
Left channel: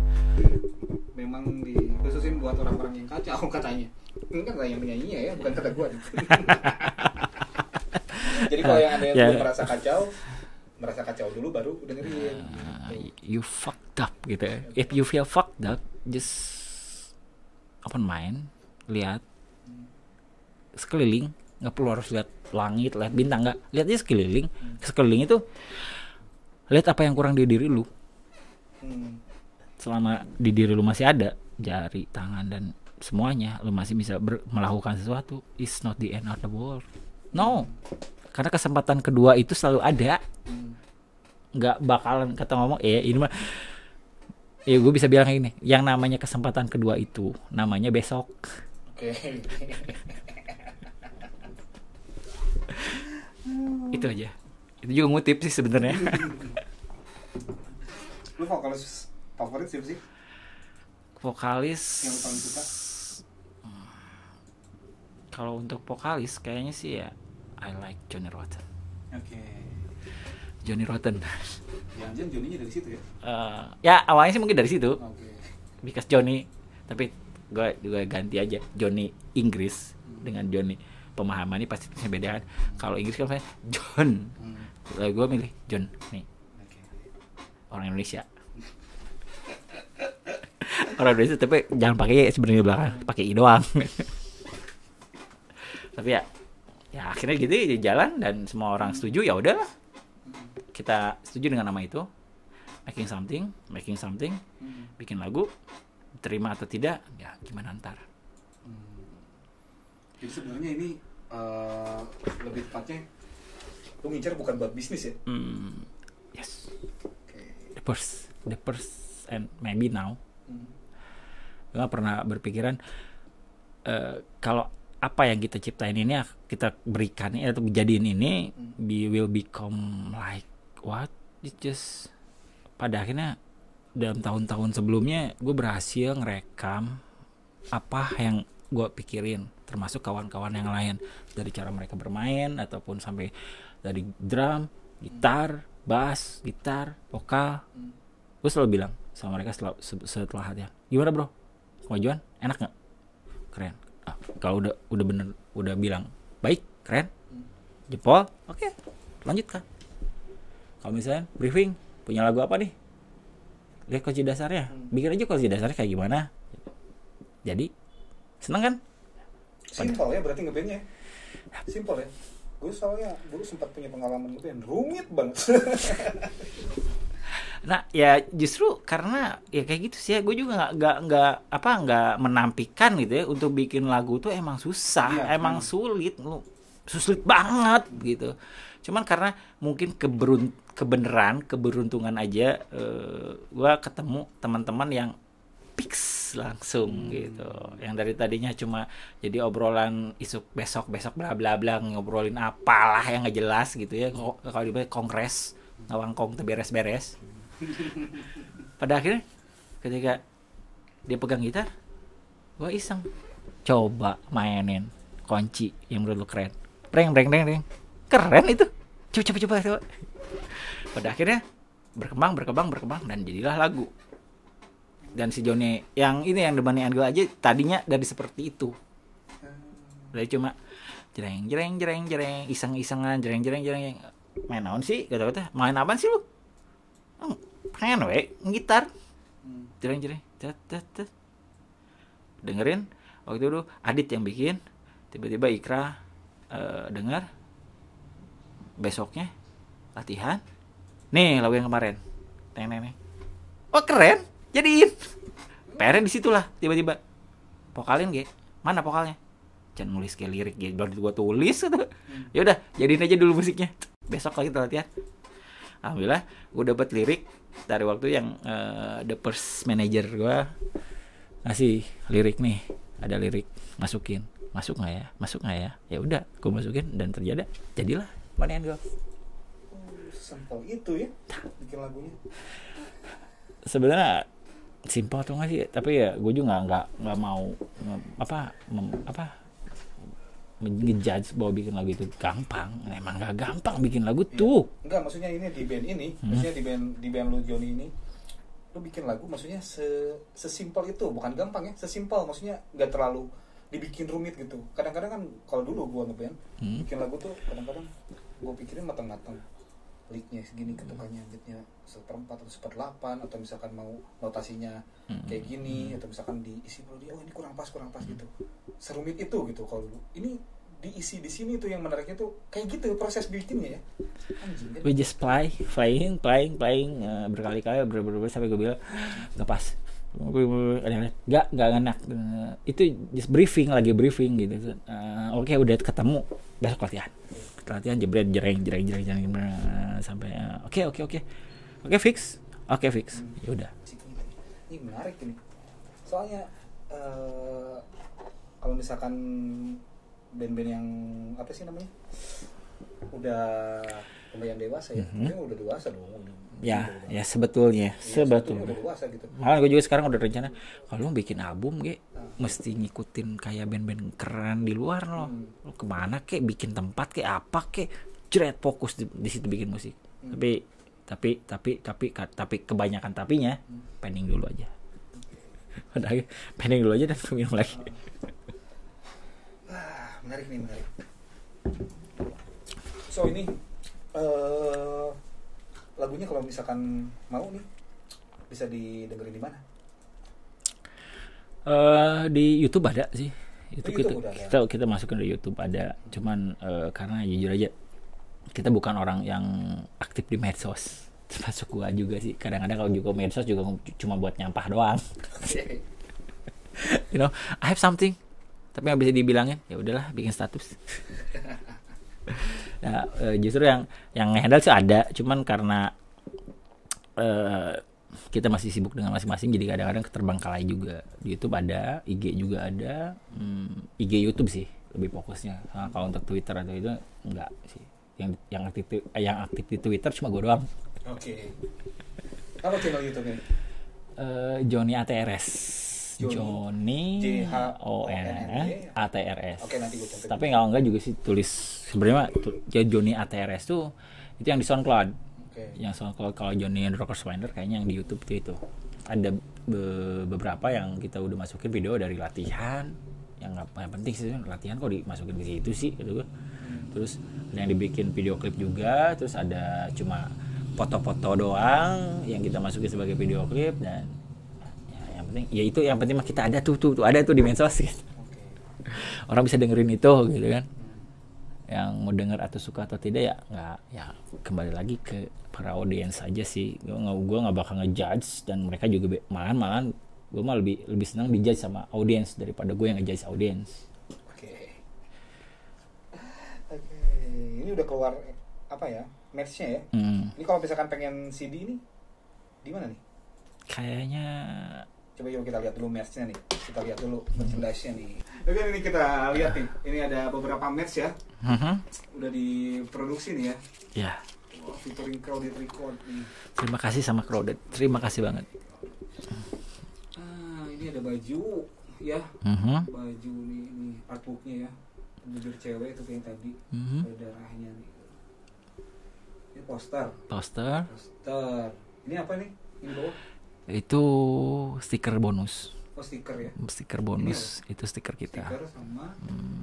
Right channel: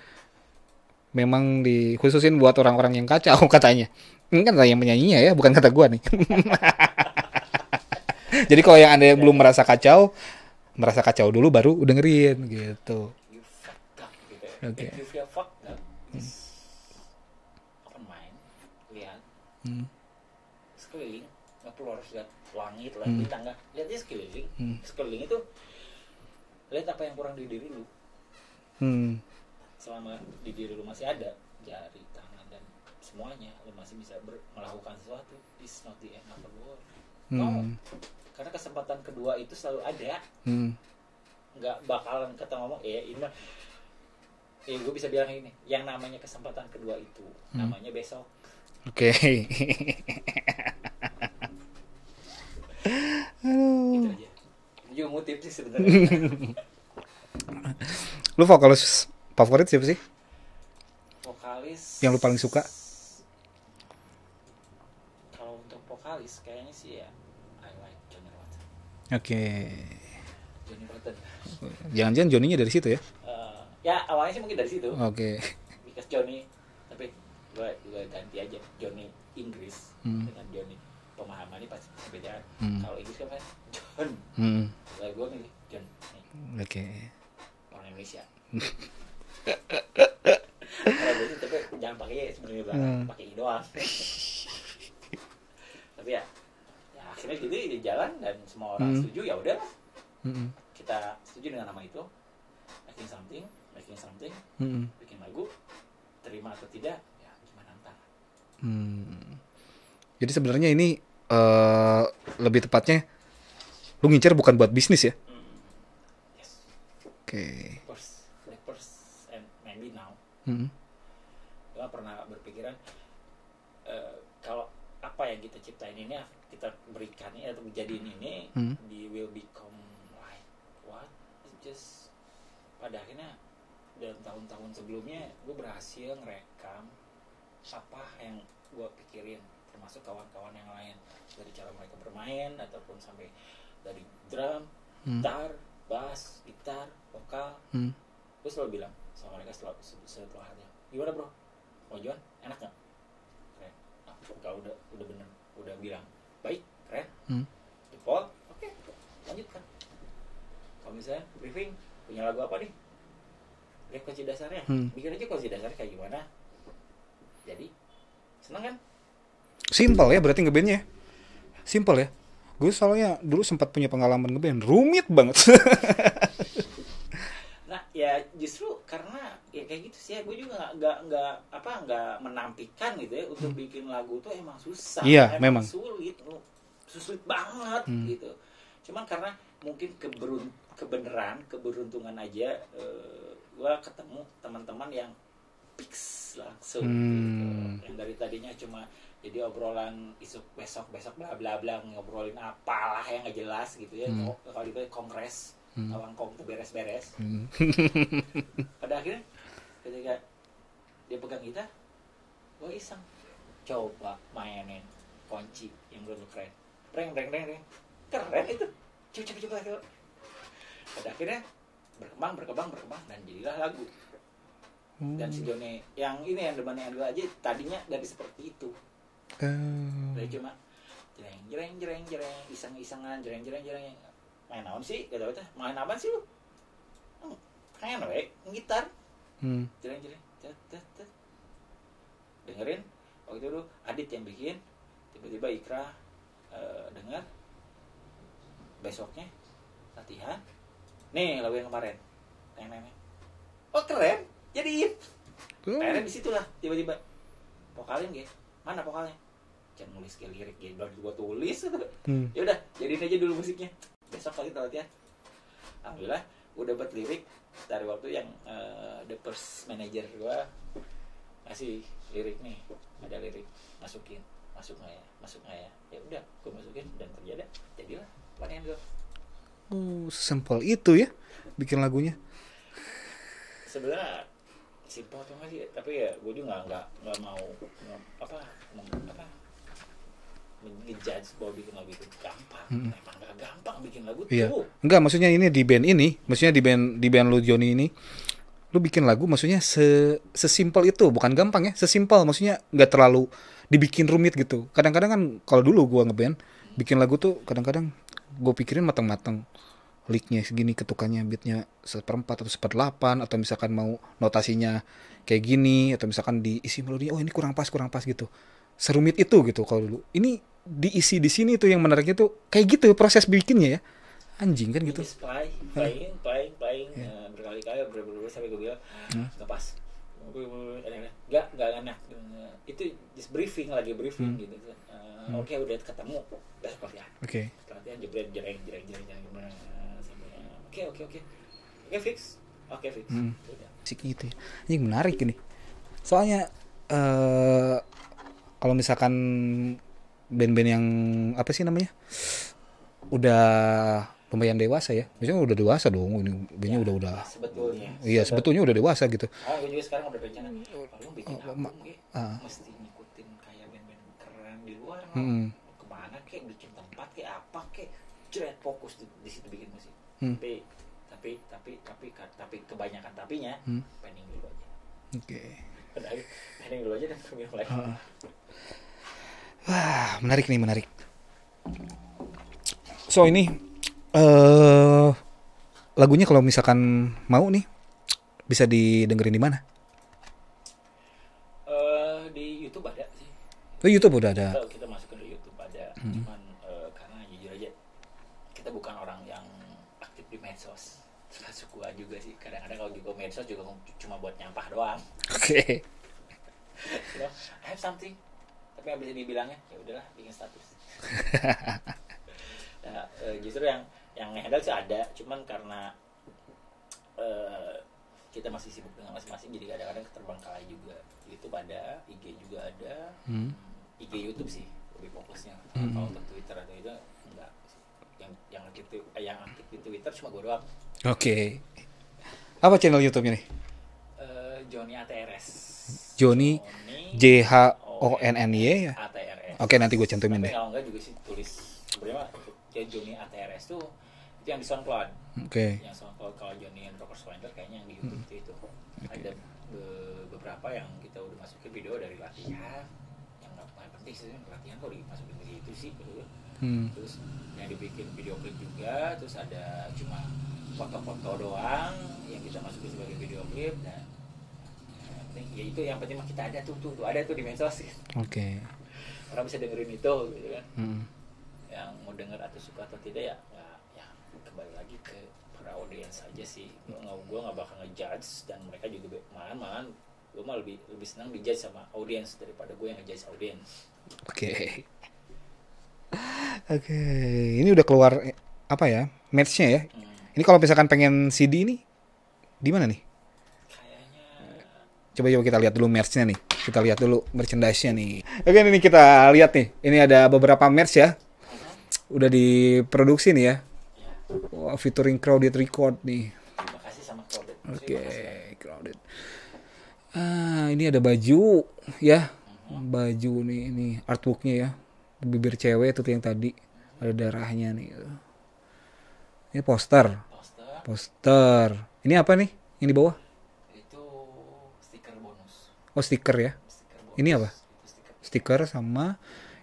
Memang dikhususin buat orang-orang yang kacau katanya. Ini kan yang penyanyinya ya, bukan kata gua nih. Jadi kalau yang ada yang belum merasa kacau dulu baru dengerin gitu. You fucked up gitu ya. If you feel fucked up, just open mind, lihat sekeliling, nggak perlu harus lihat langit, lihat bintang, nggak, lihat aja sekeliling. Sekeliling itu lihat apa yang kurang di diri lu. Selama di diri lu masih ada jari, tangan, dan semuanya, lu masih bisa melakukan sesuatu. It's not the end of the world. No. Karena kesempatan kedua itu selalu ada. Nggak bakalan kata ngomong, ini mah gue bisa bilang kayak gini, yang namanya kesempatan kedua itu namanya besok. Oke. Itu aja. Itu juga ngutip sih sebenarnya. Lu vokalis favorit siapa sih? Vokalis yang lu paling suka? Kalau untuk vokalis kayaknya sih ya I like Johnny Rotten. Oke. Johnny Rotten. Jangan-jangan Johnny-nya dari situ ya? Ya awalnya sih mungkin dari situ. Oke. Because Johnny, tapi gue ganti aja Johnny Inggris dengan Johnny pemahaman ini pasti punya beda kan. Kalau Inggris kan John. Gue milih John nih. Oke. Orang Indonesia. Orang Indonesia, tapi jangan pakai sebenarnya belakang, pakai i doang. Tapi ya akhirnya gitu jalan dan semua orang setuju, ya udahlah. Kita setuju dengan nama itu, making something, bikin lagu, terima atau tidak, ya gimana ntar. Jadi sebenarnya ini lebih tepatnya lu ngincer bukan buat bisnis ya? Yes. Oke. The first and maybe now. Gue gak pernah berpikiran kalau apa yang kita ciptain ini, kita berikan atau jadiin ini, will become like what? It just pada akhirnya dalam tahun-tahun sebelumnya gue berhasil ngerekam apa yang gue pikirin, termasuk kawan-kawan yang lain, dari cara mereka bermain ataupun sampai dari drum, gitar, bass, gitar, vokal. Gue selalu bilang sama mereka setelah hatinya, gimana bro, kemajuan enak nggak? Keren. Kalau udah bener, udah bilang baik, keren, jempol, oke, lanjutkan. Kalau misalnya briefing, punya lagu apa nih? Lihat kunci dasarnya, bikin aja kunci dasarnya kayak gimana. Jadi seneng kan? Simple ya berarti ngebandnya. Simple ya. Gue soalnya dulu sempat punya pengalaman ngeband, rumit banget. Nah ya justru karena ya kayak gitu sih ya, gue juga nggak menampikan gitu ya untuk bikin lagu tuh emang susah, Iya, emang memang. sulit banget gitu. Cuman karena mungkin keberuntungan aja, gue ketemu teman-teman yang fix langsung gitu, yang dari tadinya cuma jadi obrolan isuk besok bla bla bla, ngobrolin apalah yang nggak jelas gitu ya. Kalau dibilang kongres ngawangkong terberes-beres. Pada akhirnya ketika dia pegang gitar, gue iseng coba mainin kunci yang menurut lu keren, breng keren itu, coba. Pada akhirnya berkembang dan jadilah lagu. Dan si Joni yang ini yang dibandingkan gue aja tadinya dari seperti itu, dari cuma jereng iseng-isengan jereng main naon sih, kata-kata main apaan sih lu, pengen gitar, jereng tet. Dengerin waktu itu Adit yang bikin, tiba-tiba Ikra dengar, besoknya latihan nih lagu yang kemarin, neng oh keren, jadiin. PR-nya disitulah tiba-tiba vokalin mana vokalnya, jangan nulis kayak lirik gitu, baru gua tulis gitu. Ya udah jadiin aja dulu musiknya, besok lagi kita latihan. Alhamdulillah gue dapet lirik dari waktu yang the first manager gue ngasih lirik nih, ada lirik, masuk nggak ya, ya udah gue masukin dan jadilah manian gue. Sesimpel itu ya bikin lagunya. Sebenarnya simpel atau nggak sih, tapi ya gue juga nggak mau ngejudge bahwa bikin lagu itu gampang. Emang nggak gampang bikin lagu tuh. Enggak, maksudnya ini di band ini, maksudnya di band lu Joni ini, lu bikin lagu maksudnya sesimpel itu, bukan gampang ya, sesimpel, maksudnya nggak terlalu dibikin rumit gitu. Kadang-kadang kan kalau dulu gua ngeband bikin lagu tuh kadang-kadang gue pikirin matang-matang, licknya segini, ketukannya beatnya 1/4 atau 1/8, atau misalkan mau notasinya kayak gini, atau misalkan diisi melodi, oh ini kurang pas gitu. Serumit itu gitu. Kalau dulu ini diisi di sini tuh yang menariknya tuh kayak gitu proses bikinnya ya. Anjing kan gue gitu. just playing berkali-kali sampai gue bilang nggak pas, nggak enak. Itu just briefing gitu. Oke, udah ketemu, besok latihan. Latihan jebret jereng sampai oke fix. Ya udah sih gitu ya. Ini menarik ini, soalnya kalau misalkan band-band yang apa sih namanya udah lumayan dewasa ya, maksudnya udah dewasa dong ini ya, udah ya sebetulnya udah dewasa gitu. Gue juga sekarang udah rencana kalau bikin album mesti ngikutin kayak band-band keren di luar lo kemana bikin tempat apa jret fokus di situ bikin musik. Tapi kebanyakan tapinya pending dulu aja. Pending dulu aja dan minum lagi. Wah, menarik. So ini lagunya kalau misalkan mau nih bisa didengerin di mana? Di YouTube ada sih. YouTube udah ada. Kita masukin di YouTube ada. Cuman karena jujur aja kita bukan orang yang aktif di medsos. Termasuk gua juga sih. Kadang-kadang kalau juga medsos juga cuma buat nyampah doang. You know, I have something. Tapi nggak bisa dibilangnya, ya udahlah bikin status. Nah, justru yang handle sih ada, cuman karena kita masih sibuk dengan masing-masing, jadi kadang-kadang keterbengkalai juga. Di YouTube ada, IG juga ada, IG YouTube sih lebih fokusnya. Kalau untuk Twitter atau itu enggak sih. Yang aktif di Twitter cuma gue doang. Apa channel YouTube-nya nih? Joni ATRS. Joni JHONNY ya? ATRS. Oke, nanti gue cantumin. Tapi kalau enggak juga sih tulis sebenarnya ya Joni ATRS tuh itu yang di SoundCloud. Yang SoundCloud. Kalau Joni and Rockers Winder kayaknya yang di YouTube itu ada beberapa yang kita udah masukin video dari latihan, yang penting sih latihan kok dimasukin ke situ sih gitu kan. Terus yang dibikin video klip juga, terus ada cuma foto-foto doang yang kita masukin sebagai video klip, dan yang penting ya itu yang penting mah kita ada tuh ada tuh di medsos gitu. Orang bisa dengerin itu gitu kan. Yang mau denger atau suka atau tidak ya nggak, ya kembali lagi ke para audiens aja sih. Gue nggak bakal ngejudge, dan mereka juga malahan gue mah lebih senang dijudge sama audiens daripada gue yang ngejudge audiens. Oke, ini udah keluar apa ya, merch-nya ya. Ini kalau misalkan pengen CD ini di mana nih? Kayaknya coba kita lihat dulu merch-nya nih. Kita lihat dulu merchandise-nya nih. Oke, ini kita lihat nih. Ini ada beberapa merch ya. Udah diproduksi nih ya. Ya. Wow, featuring Crowded Record nih. Terima kasih sama Crowded. Terima kasih banget. Crowded. Ini ada baju ya. Baju nih, ini artworknya ya. Bibir cewek itu yang tadi. Ada darahnya nih. Ini poster. Ini apa nih? Yang di bawah? Itu stiker bonus. Oh, stiker ya. Stiker bonus. Ini apa? Itu stiker kita. Stiker sama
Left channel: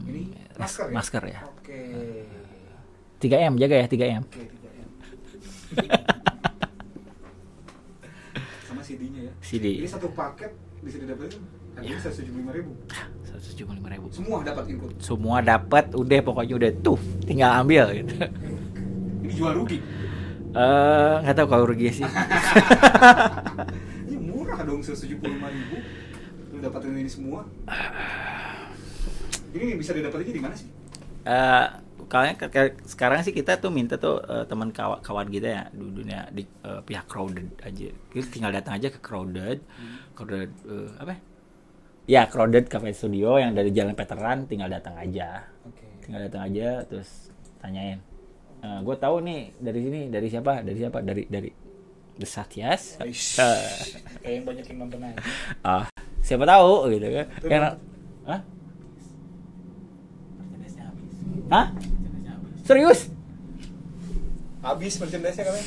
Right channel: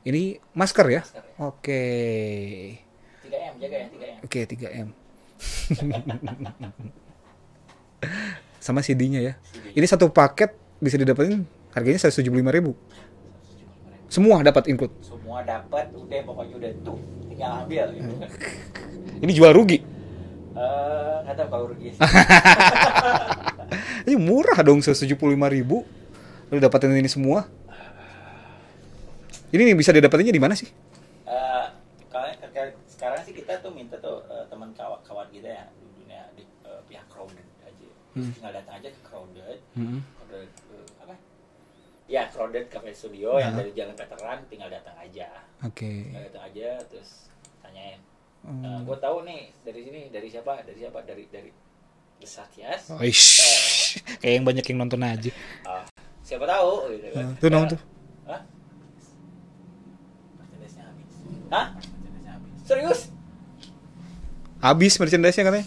ini masker ya? Masker ya. Oke. 3M, jaga ya 3M. Oke, 3M. Sama CD-nya ya. CD. Ini satu paket bisa didapetin harganya 175.000. 175.000. Semua dapat include. Semua dapat, udah pokoknya udah tuh, tinggal ambil gitu. Ini jual rugi. Nggak tahu kalau rugi sih. Ini murah dong 175.000. Udah dapetin ini semua. Ini bisa didapetinnya di mana sih? Kalian sekarang sih kita tuh minta tuh teman kawan kita ya di dunia di pihak Crowded aja. Kita tinggal datang aja ke Crowded. Crowded apa? Ya, Crowded Cafe Studio yang dari Jalan Veteran, tinggal datang aja. Oke. Tinggal datang aja terus tanyain. Gue tahu nih dari sini, dari siapa? Dari The Satyas. Kayak yang banyak yang nonton aja. Siapa tahu gitu kan. Tuh nonton. Hah? Serius? Habis merchandise-nya katanya.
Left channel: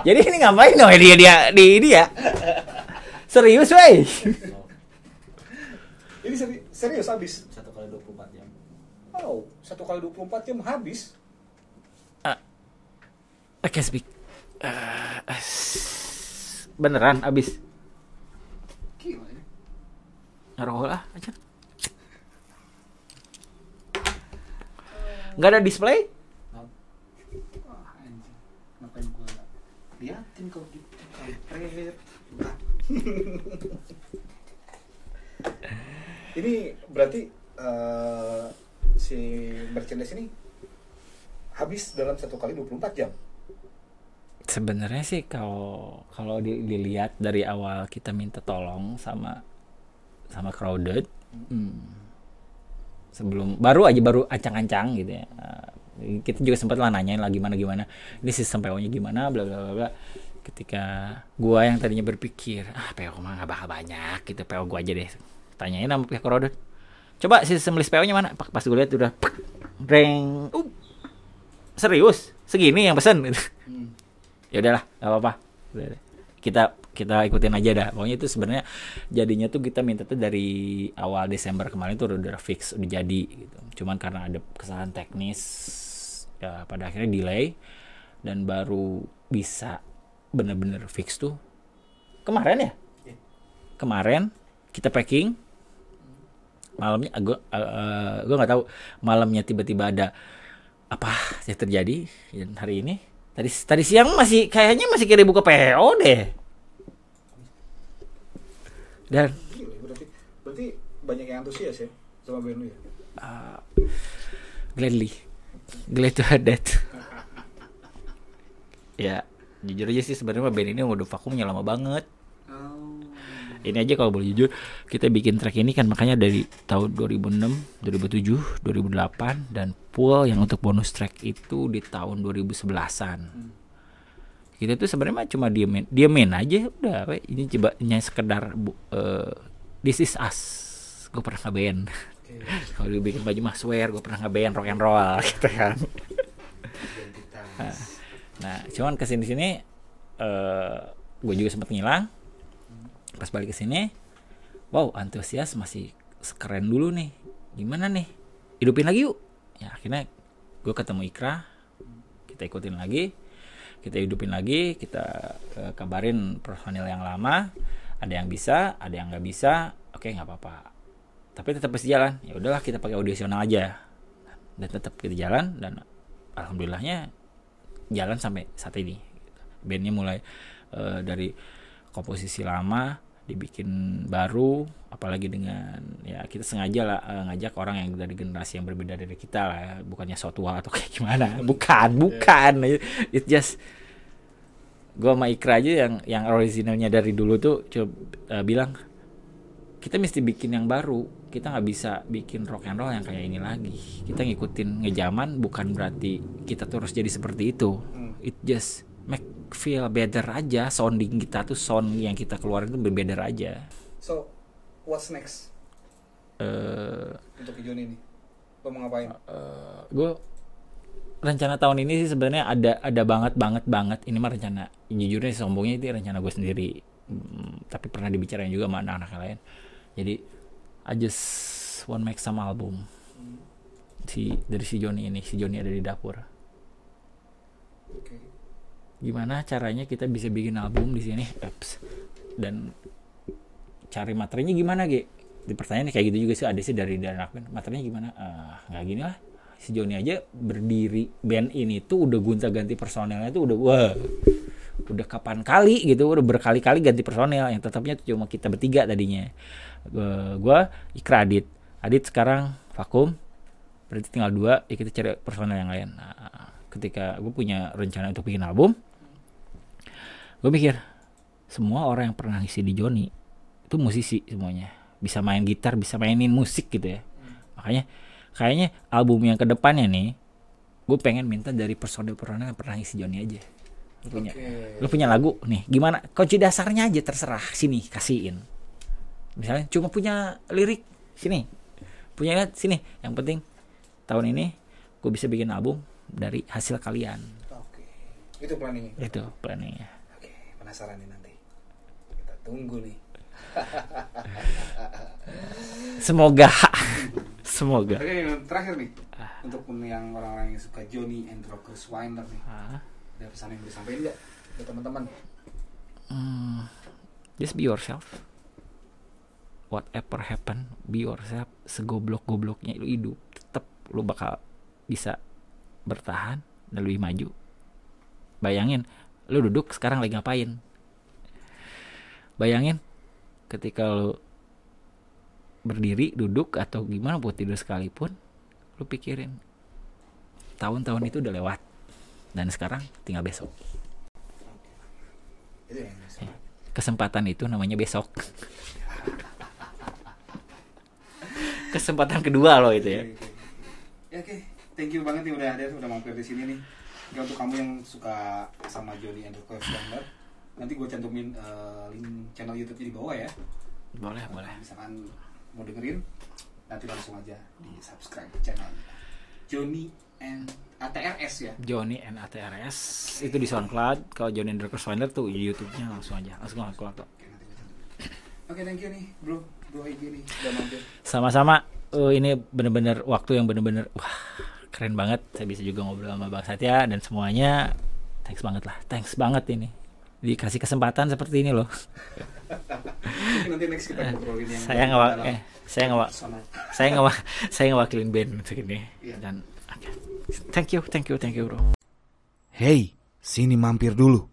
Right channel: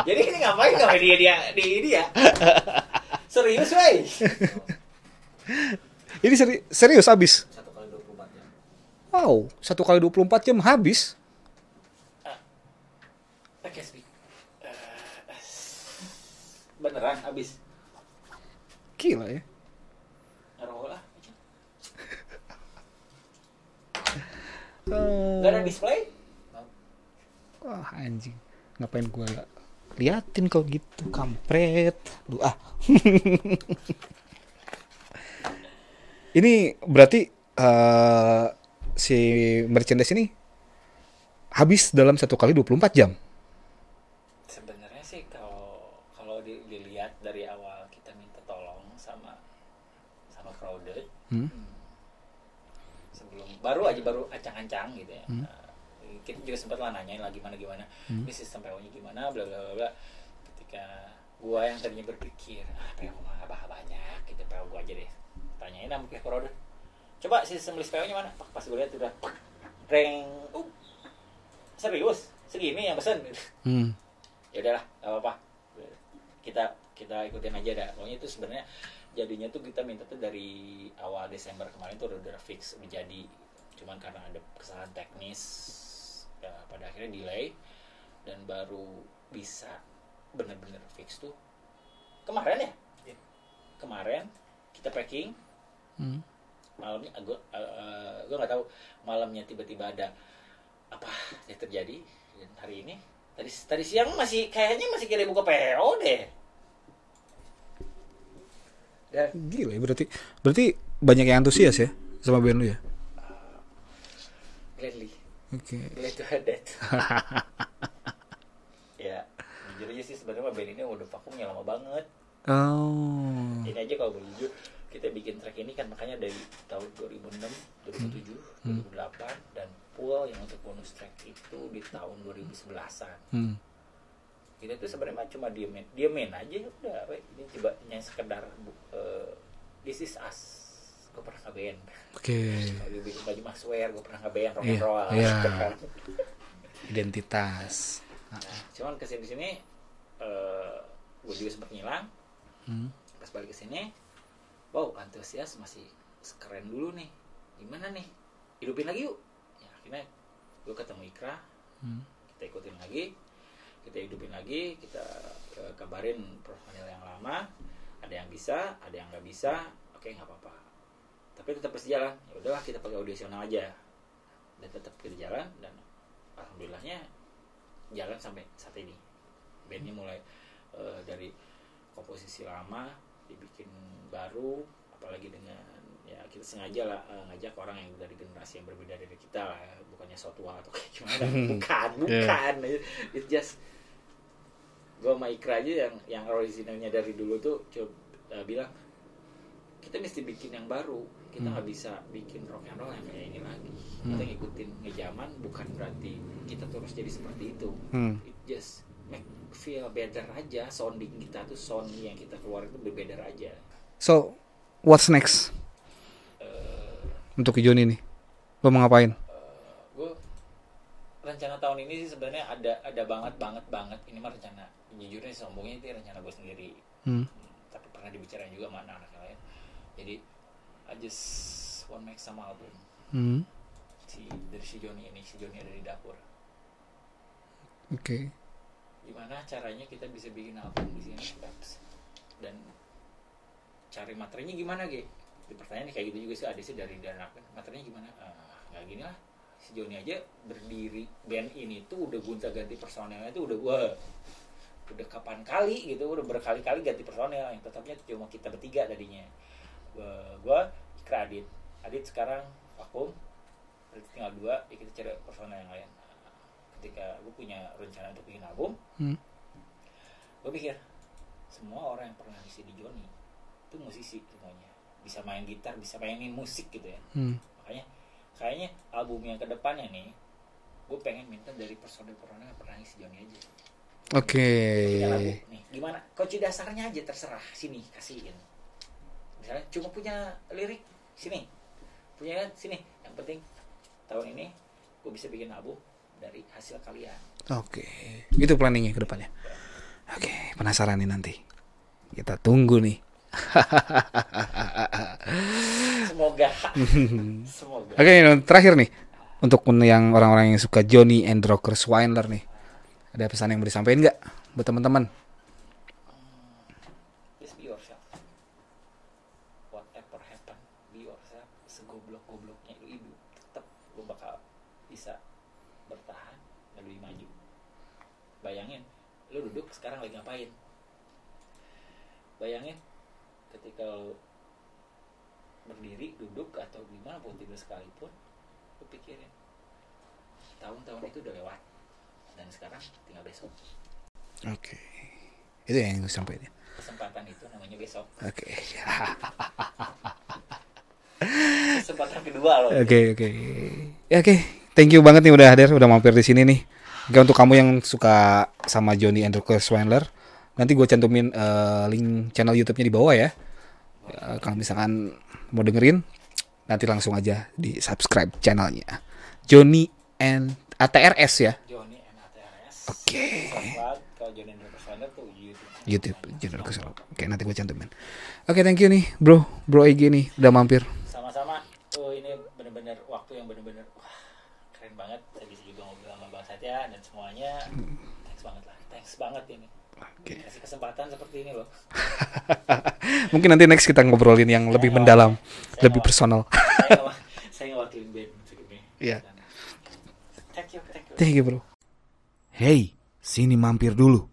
Jadi ini ngapain dong dia di ini ya? Serius, wey? Ini serius habis. 1x24 jam. Wow, 1x24 jam habis. I can speak. Beneran habis. Gila ya. Naruh lah aja. Gak ada display? Wah, anjing. Ngapain gua liatin kau gitu, kampret. Ini berarti si merchandise ini habis dalam 1x24 jam. Sebenarnya sih kalau dilihat dari awal kita minta tolong sama Crowded, sebelum baru ancang-ancang gitu ya. Kita juga sempat lah nanyain lah gimana ini sistem PO-nya gimana, bla bla bla. Ketika gua yang tadinya berpikir PO mah nggak bakal banyak gitu, PO gua aja deh, tanyain sama pihak Crowded, coba sistem list PO-nya mana. Pas gue lihat udah reng, serius segini yang pesan gitu. Ya udahlah, nggak apa-apa, kita ikutin aja dah. Pokoknya itu sebenarnya jadinya tuh kita minta tuh dari awal Desember kemarin tuh udah fix, udah jadi gitu. Cuman karena ada kesalahan teknis ya pada akhirnya delay, dan baru bisa bener-bener fix tuh kemarin ya. Kemarin kita packing, malamnya gue nggak tahu, malamnya tiba-tiba ada apa yang terjadi. Dan hari ini tadi siang kayaknya masih kira buka PO deh. Dan gila ya, berarti banyak yang antusias ya sama band lu ya. Gladly. Glad to have that. Ya, jujur aja sih sebenarnya band ini udah vakumnya lama banget. Ini aja kalau boleh jujur, kita bikin track ini kan makanya dari tahun 2006, 2007, 2008, dan full yang untuk bonus track itu di tahun 2011-an. Kita tuh sebenarnya cuma diemin aja udah, ini coba sekedar this is us. Gue pernah nge-band. Kalau bikin baju mah swear gue pernah nge-band rock and roll gitu kan. Identitas. Nah, cuman kesini-sini gue juga sempat ngilang. Pas balik ke sini wow antusias masih keren dulu nih, gimana nih hidupin lagi yuk. Ya akhirnya gue ketemu Ikra, kita ikutin lagi, kita hidupin lagi, kita kabarin personil yang lama, ada yang bisa, ada yang nggak bisa, oke nggak apa-apa, tapi tetap pasti jalan. Ya udahlah kita pakai audisional aja, dan tetap kita jalan, dan alhamdulillahnya jalan sampai saat ini. Bandnya mulai dari komposisi lama dibikin baru, apalagi dengan ya kita sengaja lah ngajak orang yang dari generasi yang berbeda dari kita lah ya. Bukannya so tua atau kayak gimana, bukan it just gue sama Ikra aja yang originalnya dari dulu tuh coba bilang kita mesti bikin yang baru, kita nggak bisa bikin rock and roll yang kayak ini lagi. Kita ngikutin ngejaman, bukan berarti kita terus jadi seperti itu. It just make feel better aja, sounding kita tuh sound yang kita keluarin tuh berbeda aja. So what's next untuk Johnny nih, lo mau ngapain? Gue rencana tahun ini sih sebenarnya ada banget ini mah rencana, jujurnya sombongnya itu rencana gue sendiri. Tapi pernah dibicarain juga sama anak-anak lain. Jadi I just want make some album. Dari si Johnny ini, si Johnny ada di dapur. Oke. Gimana caranya kita bisa bikin album di sini? Dan cari materinya gimana, Ge? Di pertanyaan kayak gitu juga sih, ada sih dari anak band. Materinya gimana? Nggak gini lah. Si Johnny aja berdiri band ini tuh udah gonta-ganti personelnya tuh udah kapan kali gitu, udah berkali-kali ganti personel. Yang tetapnya tuh cuma kita bertiga tadinya. Gua Ikra, Adit sekarang vakum, berarti tinggal 2, ya kita cari personel yang lain. Ketika gue punya rencana untuk bikin album, gue mikir semua orang yang pernah ngisi di Johnny itu musisi semuanya, bisa main gitar, bisa mainin musik gitu ya. Makanya kayaknya album yang kedepannya nih, gue pengen minta dari personel yang pernah ngisi Johnny aja. Oke. Lu punya lagu nih, gimana? Kunci dasarnya aja terserah, sini kasihin. Misalnya cuma punya lirik, sini, punya sini. Yang penting tahun ini gue bisa bikin album dari hasil kalian. Oke. Itu planningnya ke depannya. Oke, penasaran nih nanti. Kita tunggu nih. Semoga. Oke, terakhir nih. Untuk yang orang-orang yang suka Johnny and Rocker Swindler nih. Ada pesan yang mau disampaikan nggak buat teman-teman? Just be yourself. Whatever happen, be yourself. Segoblok-gobloknya lu hidup, tetap lu bakal bisa bertahan dan lebih maju. Bayangin lu duduk sekarang lagi ngapain? Bayangin ketika lu berdiri, duduk atau gimana buat tidur sekalipun, lu pikirin tahun-tahun itu udah lewat dan sekarang tinggal besok. Oke. Itu yang lu sampaikan. Kesempatan itu namanya besok. Oke. Kesempatan kedua loh itu. Oke. Ya oke. Thank you banget nih udah hadir, udah mampir di sini nih. Oke, untuk kamu yang suka sama Johnny and Rocker Swindler, nanti gue cantumin link channel YouTube-nya di bawah ya. Kalau misalkan mau dengerin, nanti langsung aja di subscribe channelnya. Johnny and ATRS ya. Johnny and ATRS. Oke. Itu di SoundCloud. Kalau Johnny and Rocker Swindler tuh YouTube-nya. YouTube. Langsung aja. Oke, nanti gue cantumin. Oke, thank you nih, Bro Egy nih udah mampir. Sama-sama. Ini bener-bener waktu yang bener-bener keren banget. Saya bisa juga ngobrol sama Bang Satya dan semuanya. Thanks banget ini. Dikasih kesempatan seperti ini loh. Mungkin nanti next kita ngobrolin yang lebih mendalam, lebih personal. Saya ngewakilin band untuk ini. Yeah. Dan thank you bro. Hey, sini mampir dulu.